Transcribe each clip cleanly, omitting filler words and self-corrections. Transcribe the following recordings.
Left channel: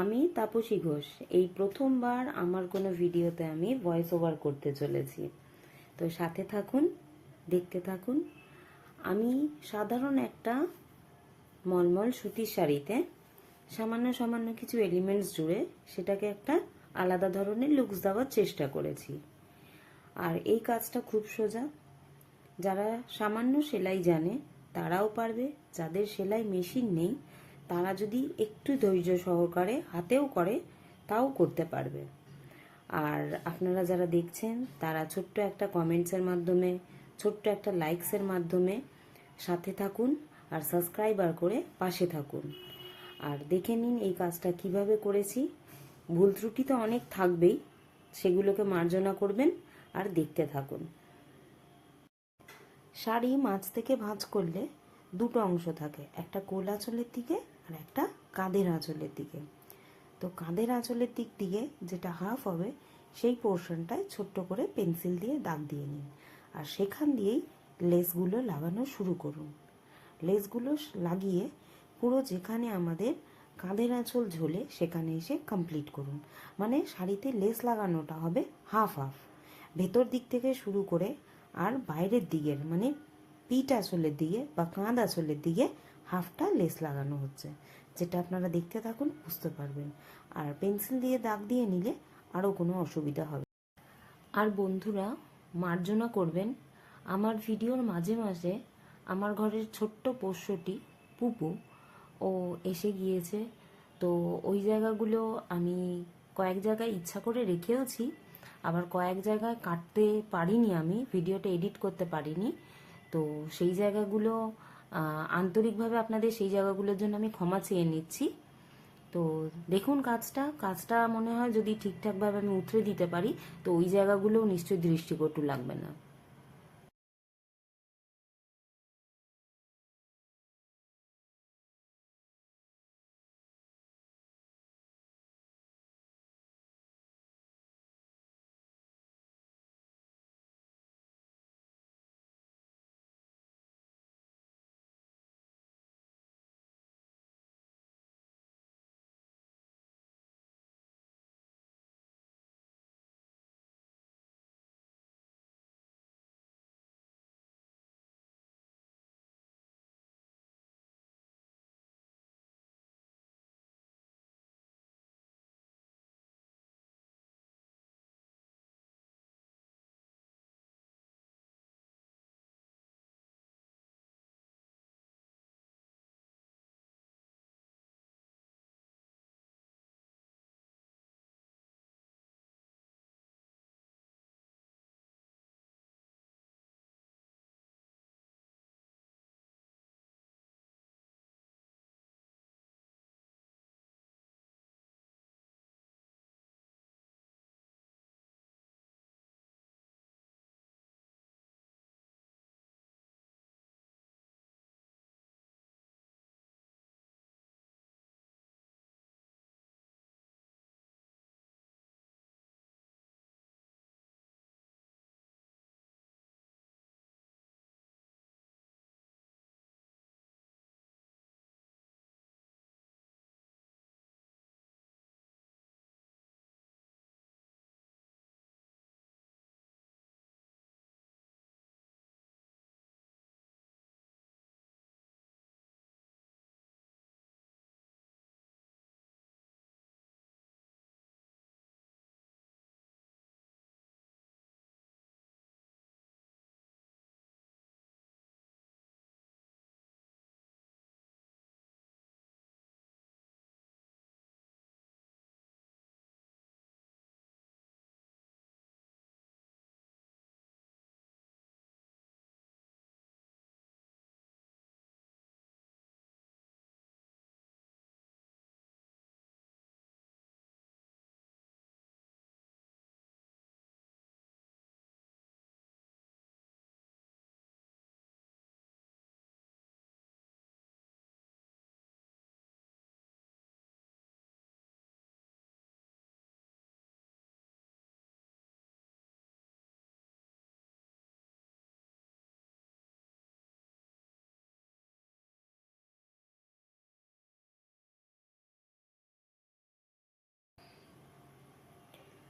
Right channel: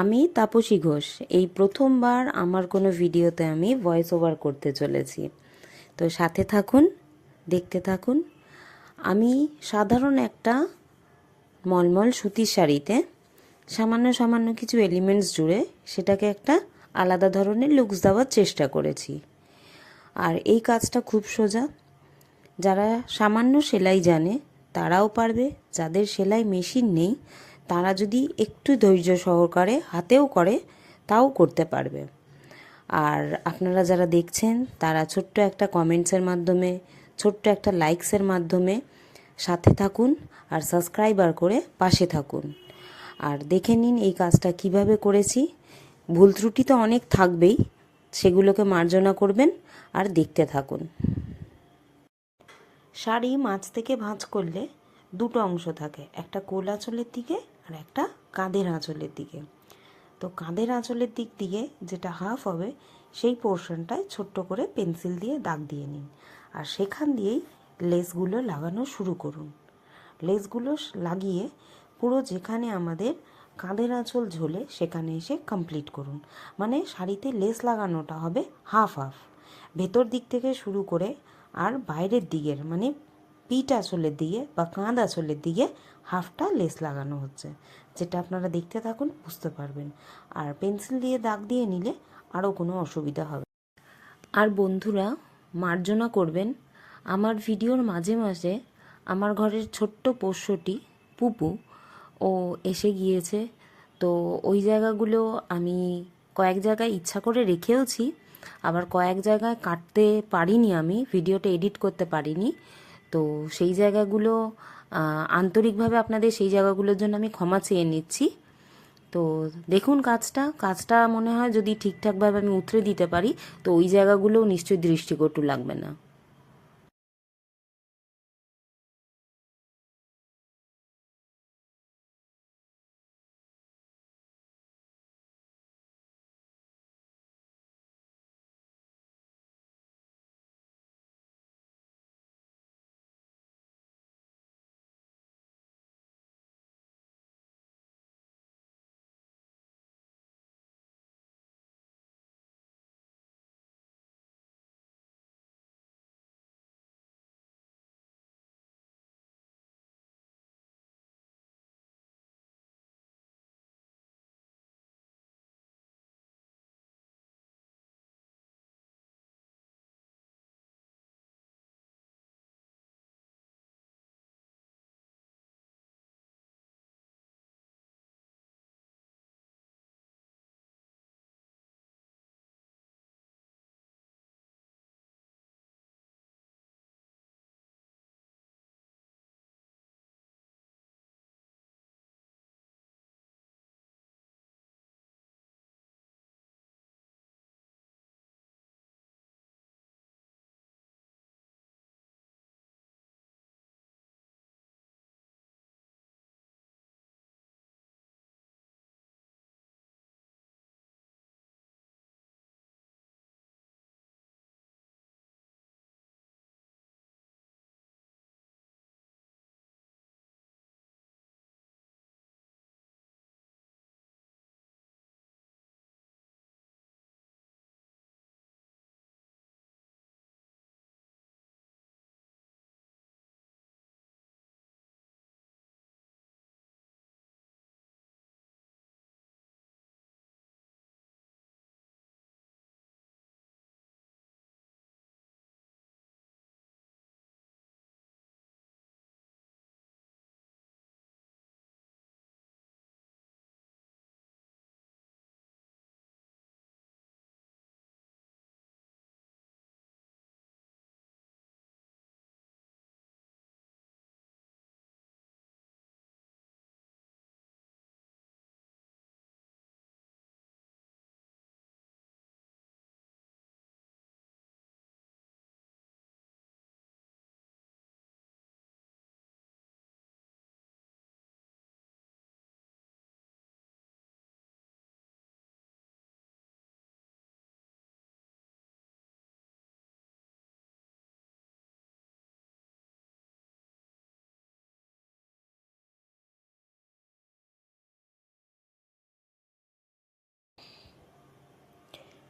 আমি তাপসী ঘোষ। এই প্রথমবার আমার কোনো ভিডিওতে আমি ভয়েস ওভার করতে চলেছি। তো সাথে থাকুন, দেখতে থাকুন। আমি সাধারণ একটা মলমল সুতির শাড়িতে সামান্য সামান্য কিছু এলিমেন্টস জুড়ে সেটাকে একটা আলাদা ধরনের লুকস দেওয়ার চেষ্টা করেছি। আর এই কাজটা খুব সোজা। যারা সামান্য সেলাই জানে তারাও পারবে, যাদের সেলাই মেশিন নেই তারা যদি একটু ধৈর্য সহকারে হাতেও করে তাও করতে পারবে। আর আপনারা যারা দেখছেন তারা ছোট্ট একটা কমেন্টসের মাধ্যমে, ছোট্ট একটা লাইকসের মাধ্যমে সাথে থাকুন আর সাবস্ক্রাইবার করে পাশে থাকুন। আর দেখে নিন এই কাজটা কিভাবে করেছি। ভুল ত্রুটি তো অনেক থাকবেই, সেগুলোকে মার্জনা করবেন আর দেখতে থাকুন। শাড়ি মাঝ থেকে ভাঁজ করলে দুটো অংশ থাকে, একটা কোল আঁচলের দিকে আর একটা কাঁধের আঁচলের দিকে। তো কাঁধের আঁচলের দিক দিয়ে যেটা হাফ হবে সেই পোর্শনটায় ছোট্ট করে পেন্সিল দিয়ে দাগ দিয়ে নিন, আর সেখান দিয়েই লেসগুলো লাগানো শুরু করুন। লেসগুলো লাগিয়ে পুরো যেখানে আমাদের কাঁধের আঁচল ঝোলে সেখানে এসে কমপ্লিট করুন। মানে শাড়িতে লেস লাগানোটা হবে হাফ হাফ, ভেতর দিক থেকে শুরু করে আর বাইরের দিকের মানে পিঠ আঁচলের দিকে বা কাঁধ আঁচলের দিকে হাফটা লেস লাগানো হচ্ছে, যেটা আপনারা দেখতে থাকুন বুঝতে পারবেন। আর পেন্সিল দিয়ে দাগ দিয়ে নিলে আরও কোনো অসুবিধা হবে। আর বন্ধুরা, মার্জনা করবেন। আমার ভিডিওর মাঝে মাঝে আমার ঘরের ছোট্ট পোষ্যটি পুপু ও এসে গিয়েছে। তো ওই জায়গাগুলো আমি কয়েক জায়গায় ইচ্ছা করে রেখেওছি, আবার কয়েক জায়গায় কাটতে পারিনি, আমি ভিডিওটা এডিট করতে পারিনি। তো সেই জায়গাগুলো আন্তরিকভাবে আপনাদের সেই জায়গাগুলোর জন্য আমি ক্ষমা চেয়ে নিচ্ছি। তো দেখুন কাজটা কাজটা মনে হয় যদি ঠিকঠাকভাবে আমি উতরে দিতে পারি তো ওই জায়গাগুলোও নিশ্চয়ই দৃষ্টিকটু লাগবে না।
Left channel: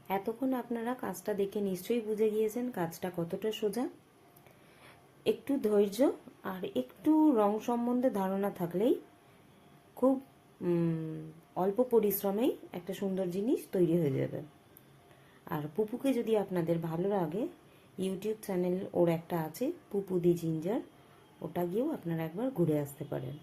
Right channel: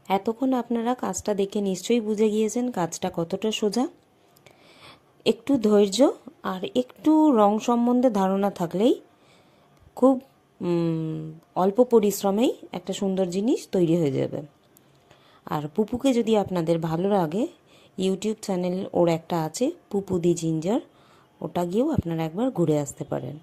এতক্ষণ আপনারা কাজটা দেখে নিশ্চয়ই বুঝে গিয়েছেন কাজটা কতটা সোজা। একটু ধৈর্য আর একটু রং সম্বন্ধে ধারণা থাকলেই খুব অল্প পরিশ্রমেই একটা সুন্দর জিনিস তৈরি হয়ে যাবে। আর পুপুকে যদি আপনাদের ভালো লাগে, ইউটিউব চ্যানেল ওর একটা আছে, পুপু দি জিঞ্জার, ওটা গিয়েও আপনারা একবার ঘুরে আসতে পারেন।